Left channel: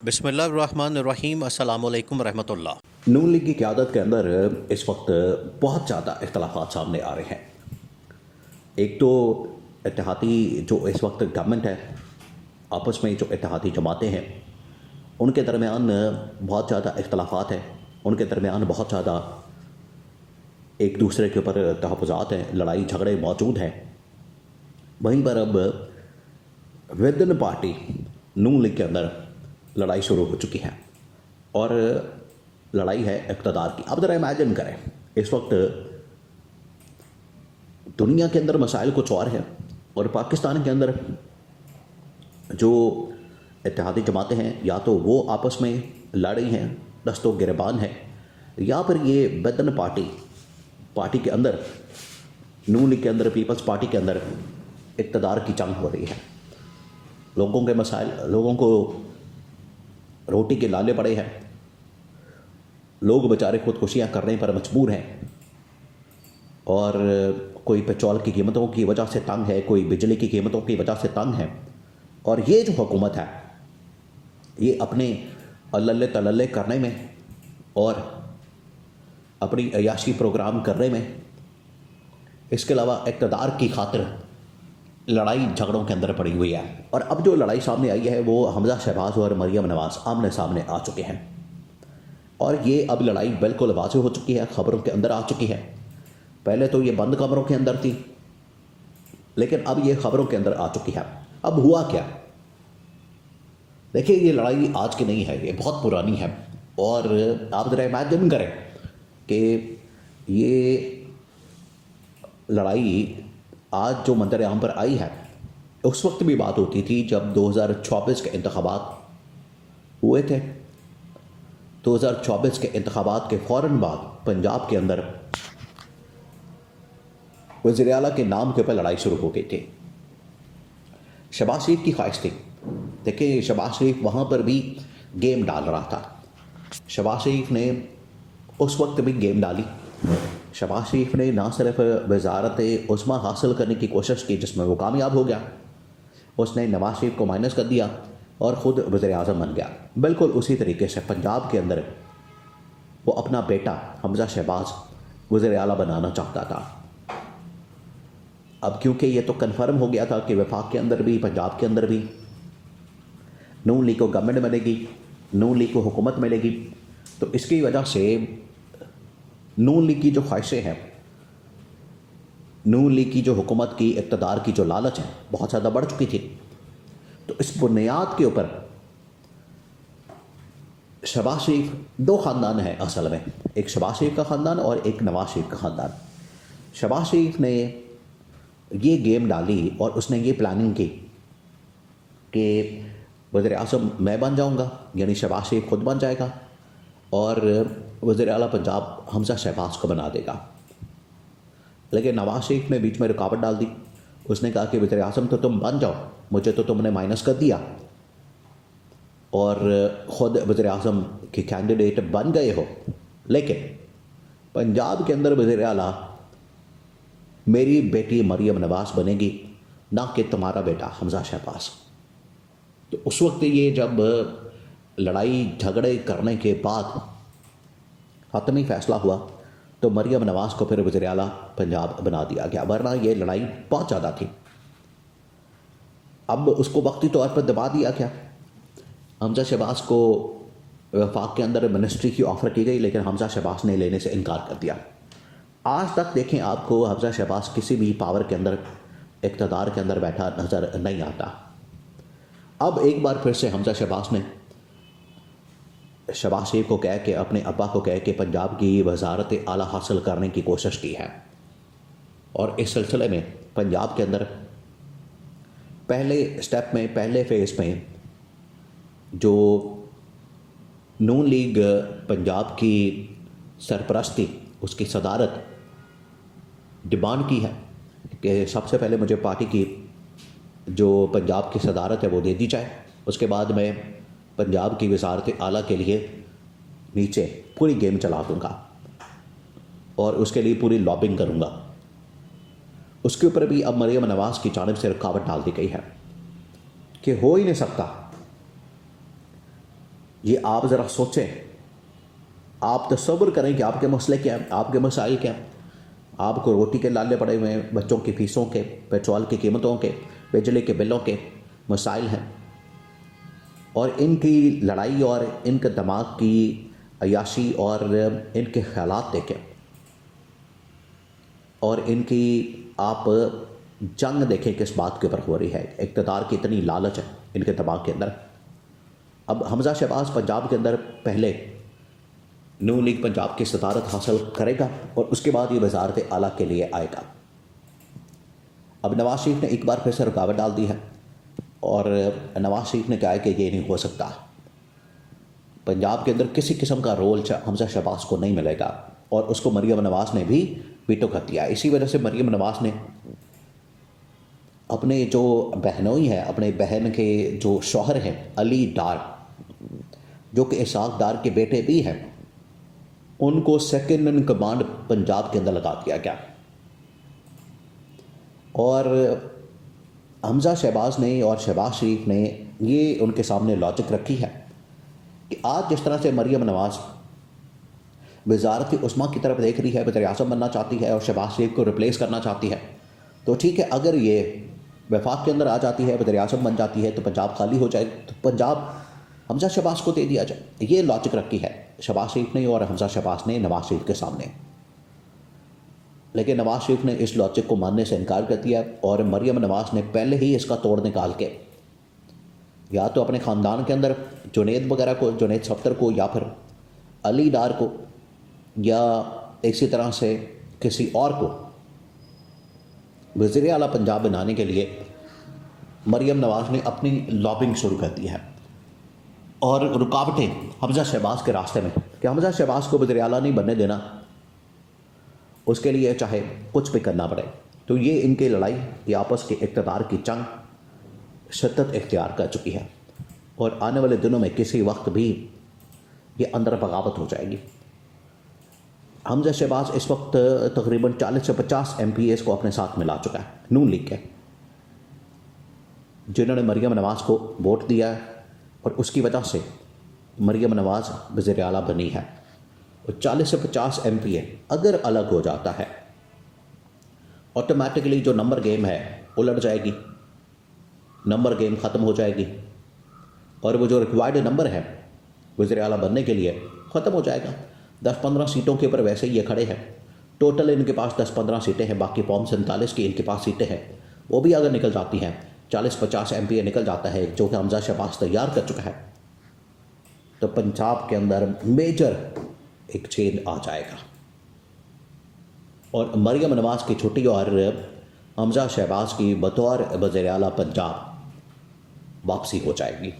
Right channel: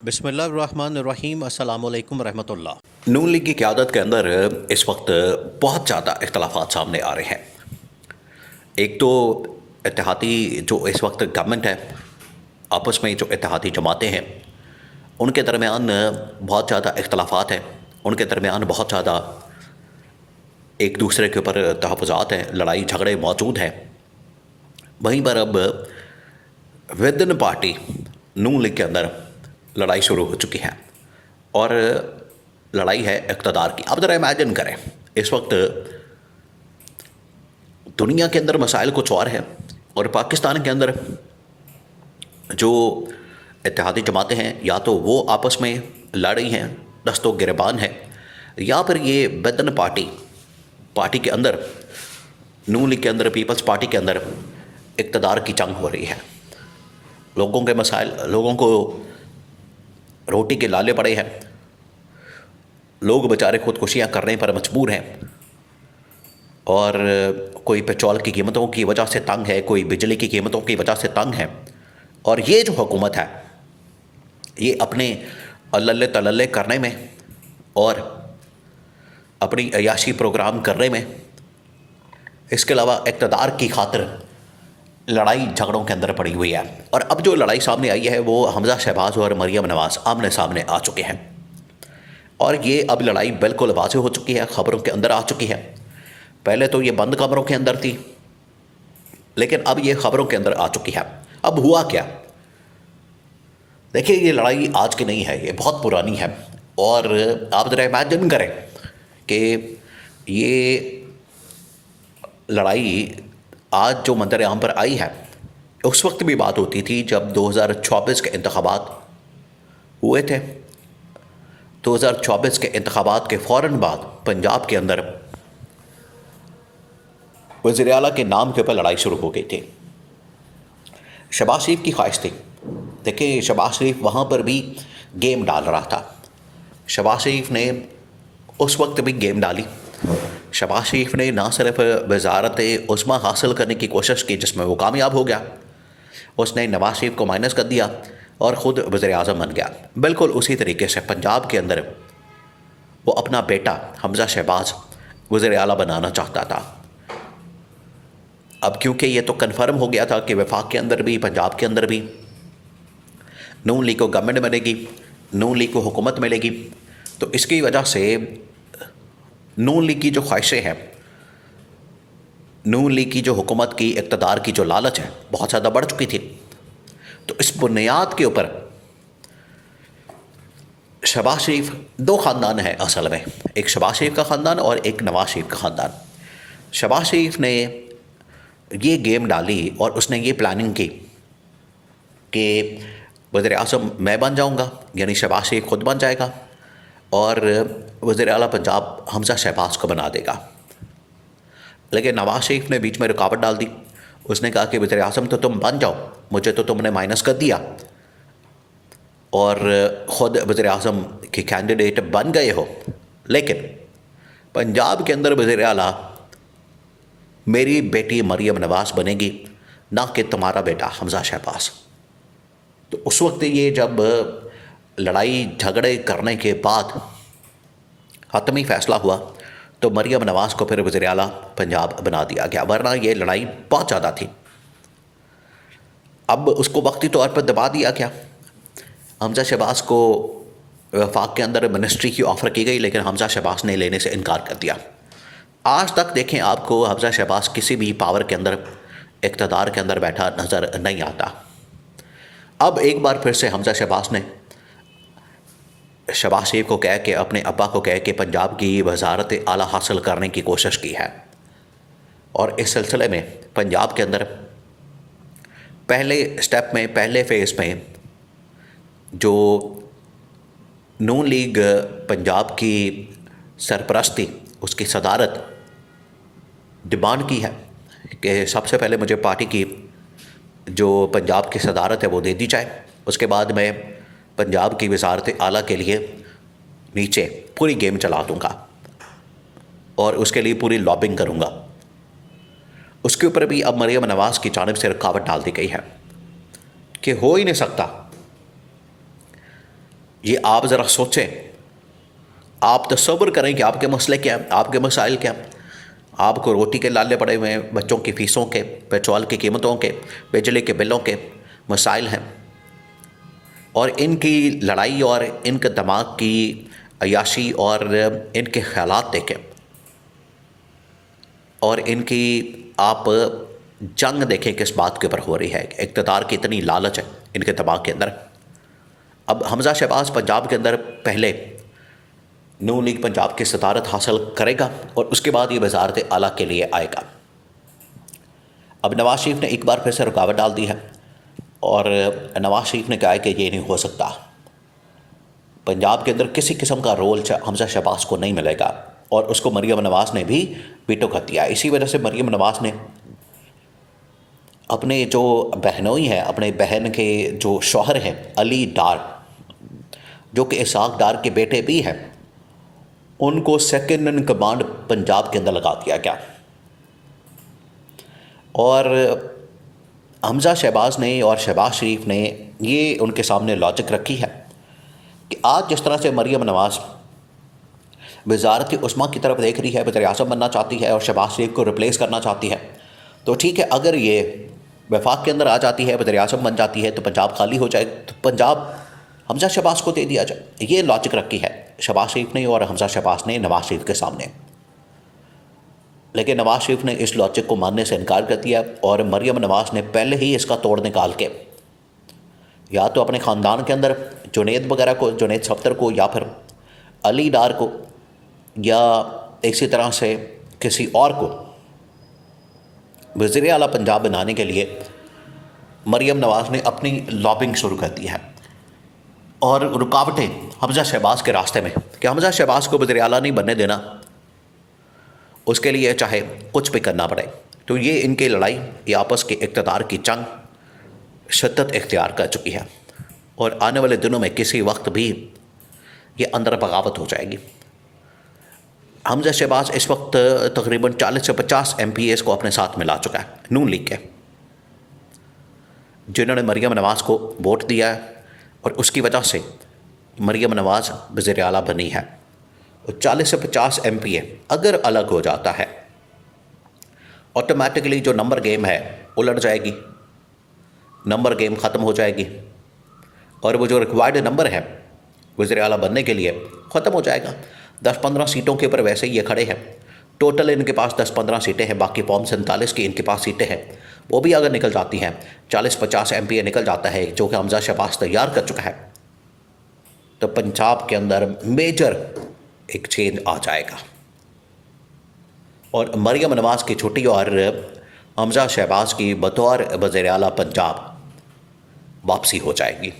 बिस्मिल्लाहिर्रहमानिर्रहीम अस्सलाम वालेकुम रहमतुल्लाह। नून लीग की क़यादत के अंदर इस वक्त बहुत ज़्यादा इख्तलाफात सामने आ रहे हैं। एक तो इत्तेहादी जो इस वक्त गवर्नमेंट है, आपस में जो इत्तेहादी जमातें हैं, उनके दरमियान बहुत ज़्यादा इख्तलाफात हैं। उनके दरमियान बहुत ज़्यादा एक दूसरे के ऊपर तहफ़्फ़ुज़ात हैं, लड़ाई झगड़े मौजूद हैं। वहीं पर अब विदिन पार्टी नून लीग के अंदर लड़ाई शुरू हो चुकी है और लड़ाई है इक़्तिदार की। अब ज़रा इमेजिन करें, इस वक्त दुनिया के अंदर मसाइल कुछ और हैं और पाकिस्तान के अंदर जो इत्तेहादी जमातें हैं, या तो वो आपस में लड़ रही हैं, दस्तो गिरबान है, या फिर ये विदिन पार्टी के अंदर, नून लीग के अंदर, पीपल्स पार्टी के अंदर इक़्तिदार की जंग हो रही है। लोगों के मसाइल, लोगों को रोटी के लाले पड़े हैं, लोग बेचारे खुदकुशियाँ करने पर मजबूर हैं और कोई पेट्रोल की कीमतों की वजह से तंग है, कोई बिजली की कीमतों की वजह से तंग है। और ये जो हुकूमत है, ये अपने अल्लल्ले तल्लल्ले करने में और अपनी अयाशी प्रोग्राम करने में, इसके अलावा इक़्तिदार की खातिर लड़ाई झगड़ों के अंदर पड़ी हुई है। और अब जो लड़ाई सामने आई है वो हमज़ा शहबाज और मरियम नवाज़ आमने सामने आ चुके हैं और ये अब लड़ाई बिल्कुल वाज़ेह हो चुकी है, ख़बरों के अंदर आ चुकी है। पहले तो ये बंद कमरों के अंदर थी, लेकिन अब ये ख़बरों के अंदर आ चुकी है। अब हुआ क्या? देखिए, ये लड़ाई आज की नहीं है, ये बहुत पुरानी है। और आप ज़रा इमेजिन करें कि ये लड़ाई आज जो मंजर आम पर आई है, उस वक्त भी बात होती थी जब 2024 के इंतखाबात हुए थे। 2024 के इंतखाबात के फ़ौरन बाद पंजाब के अंदर वज़ीर आला के नाम के ऊपर लड़ाई शुरू हो गई थी। शहबाज शरीफ की ख्वाहिश थी। देखिए, शहबाज शरीफ वहाँ पर भी गेम डाल रहा था। शहबाज शरीफ ने उस वक्त भी गेम डाली। शहबाज शरीफ ने ना सिर्फ वज़ारत उस्मा हासिल करने की कोशिश की, जिसमें वो कामयाब हो गया, उसने नवाज शरीफ को माइनस कर दिया और ख़ुद वज़ीर आज़म बन गया। बिल्कुल उसी तरीके से पंजाब के अंदर वो अपना बेटा हमज़ा शहबाज वज़ीर आला बनाना चाहता था। अब क्योंकि ये तो कन्फर्म हो गया था कि वफाक के अंदर भी, पंजाब के अंदर भी नून लीग को गवर्नमेंट मिलेगी, नून लीग को हुकूमत मिलेगी, तो इसकी वजह से नून लीग की जो ख्वाहिशें हैं, नून लीग की जो हुकूमत की इक़्तिदार की जो लालच है, बहुत ज़्यादा बढ़ चुकी थी। तो इस बुनियाद के ऊपर शहबाज शरीफ, दो ख़ानदान है असल में, एक शहबाज शरीफ का ख़ानदान और एक नवाज शरीफ का ख़ानदान। शहबाज शरीफ ने ये गेम डाली और उसने ये प्लानिंग की कि वज़ीर आज़म मैं बन जाऊँगा, यानी शहबाज शरीफ खुद बन जाएगा और वज़ीर आला पंजाब हमज़ा शहबाज को बना देगा। लेकिन नवाज शरीफ ने बीच में रुकावट डाल दी। उसने कहा कि वज़ीर आज़म तो तुम बन जाओ, मुझे तो तुमने माइनस कर दिया और ख़ुद वज़ीर आज़म के कैंडिडेट बन गए हो, लेकिन पंजाब के अंदर वज़ीर आला मेरी बेटी मरियम नवाज़ बनेगी, ना कि तुम्हारा बेटा हमज़ा शहबाज। तो उस वक्त ये जब लड़ाई झगड़े करने के बाद हतमी फ़ैसला हुआ तो मरियम नवाज़ को फिर वज़ीर आला पंजाब बना दिया गया, वरना ये लड़ाई बहुत ज़्यादा थी। अब उसको वक्ती तौर पर दबा दिया गया। हमज़ा शहबाज को वफाक के अंदर मिनिस्ट्री की ऑफ़र की गई, लेकिन हमज़ा शहबाज ने लेने से इनकार कर दिया। आज तक देखें, आपको हमज़ा शहबाज किसी भी पावर के अंदर, इक़्तिदार के अंदर बैठा नज़र नहीं आता। अब एक बार फिर से हमज़ा शहबाज ने शहबाज शरीफ को कह के, अपने अब्बा को कह के पंजाब की वज़ारत आला हासिल करने की कोशिश की है। और इस सिलसिले में पंजाब के अंदर पहले स्टेप में, पहले फ़ेज़ में जो नून लीग पंजाब की सरपरस्ती, उसकी सदारत डिमांड की है कि सबसे पहले मुझे पार्टी की जो पंजाब की सदारत है वो दे दी जाए। उसके बाद मैं पंजाब की वज़ारत आला के लिए नीचे पूरी गेम चला दूँगा और उसके लिए पूरी लॉबिंग करूँगा। उसके ऊपर भी अब मरियम नवाज़ की जानिब से रुकावट डाल दी गई है कि हो ही नहीं सकता ये आप ज़रा सोचें, आप तसव्वुर करें कि आपके मसले क्या हैं, आपके मसाइल क्या हैं। आपको रोटी के लाले पड़े हुए हैं, बच्चों की फ़ीसों के, पेट्रोल की कीमतों के, बिजली के बिलों के मसाइल हैं, और इनकी लड़ाई और इनके दिमाग की अय्याशी और इनके ख़यालात देखें, और इनकी आप जंग देखें किस बात के ऊपर हो रही है। इक़्तिदार की इतनी लालच है इनके दिमाग के अंदर। अब हमज़ा शहबाज पंजाब के अंदर पहले नून लीग पंजाब की सदारत हासिल करेगा और उसके बाद ये वज़ारत आला के लिए आएगा। अब नवाज़ शरीफ ने एक बार फिर से रुकावट डाल दी है, और नवाज़ शरीफ ने कहा है कि ये नहीं हो सकता, पंजाब के अंदर किसी किस्म का रोल हमज़ा शहबाज को नहीं मिलेगा, और उसको मरीम नवाज़ ने भी वीटो कर दिया। इसी वजह से मरीम नवाज़ ने अपने जो बहनोई हैं, अपने बहन के जो शौहर हैं अली डार, जो कि इसहाक डार के बेटे भी हैं, उनको सेकंड इन कमांड पंजाब के अंदर लगा दिया गया। और हमज़ा शहबाज ने और शहबाज शरीफ ने ये उनके सामने लॉजिक रखी है कि आज जिस तरह से मरीम नवाज़ वज़ारत उस्मा की तरफ देख रही है, वज़ीर-ए-आज़म बनना चाहती है और शहबाज शरीफ को रिप्लेस करना चाहती है, तो ठीक है, अगर ये वफाक के अंदर आ जाती है, वज़ीर-ए-आज़म बन जाती है, तो पंजाब खाली हो जाए, तो पंजाब हमज़ा शहबाज को दे दिया जाए। ये लॉजिक रखी है शहबाज शरीफ ने और हमज़ा शहबाज ने नवाज़ शरीफ के सामने। लेकिन नवाज़ शरीफ ने इस लॉजिक को मानने से इनकार कर दिया, और मरीम नवाज़ ने पहले ही इसका तोड़ निकाल के या तो अपने ख़ानदान के अंदर जुनैद वगैरह को, जुनैद सफ्तर को, या फिर अली डार को, या इसी तरह से किसी और को वज़ीर आला पंजाब बनाने के लिए मरीम नवाज़ ने अपनी लॉबिंग शुरू कर दी है। और रुकावटें हमज़ा शहबाज के रास्ते में कि हमज़ा शहबाज को वज़ीर आला नहीं बनने देना, उसके लिए चाहे कुछ भी करना पड़े। तो ये इनकी लड़ाई, ये आपस के इक़्तिदार की जंग शिद्दत इख्तियार कर चुकी है, और आने वाले दिनों में किसी वक्त भी ये अंदर बगावत हो जाएगी। हमज़ा शहबाज इस वक्त तकरीबन 40 से 50 MPs को अपने साथ मिला चुका है, नून लीग के, जिन्होंने मरीम नवाज़ को वोट दिया है, और उसकी वजह से मरीम नवाज़ वज़ीर आला बनी है। और 40 से 50 MPA अगर अलग हो जाता है, ऑटोमेटिकली जो नंबर गेम है उलट जाएगी, नंबर गेम ख़त्म हो जाएगी, और वो जो रिक्वायर्ड नंबर है वज़ीर आला बनने के लिए ख़त्म हो जाएगा। 10-15 सीटों के ऊपर वैसे ही ये खड़े हैं, टोटल इनके पास 10-15 सीटें हैं, बाकी फॉर्म 47 की इनके पास सीटें हैं। वो भी अगर निकल जाती हैं, 40-50 MPA निकल जाता है, जो कि हमज़ा शहबाज तैयार कर चुका है, तो पंजाब के अंदर मेजर एक चेंज आ जाएगा, और मरीम नवाज़ की छुट्टी और हमज़ा शहबाज की बतौर वज़ीर आला पंजाब वापसी हो जाएगी।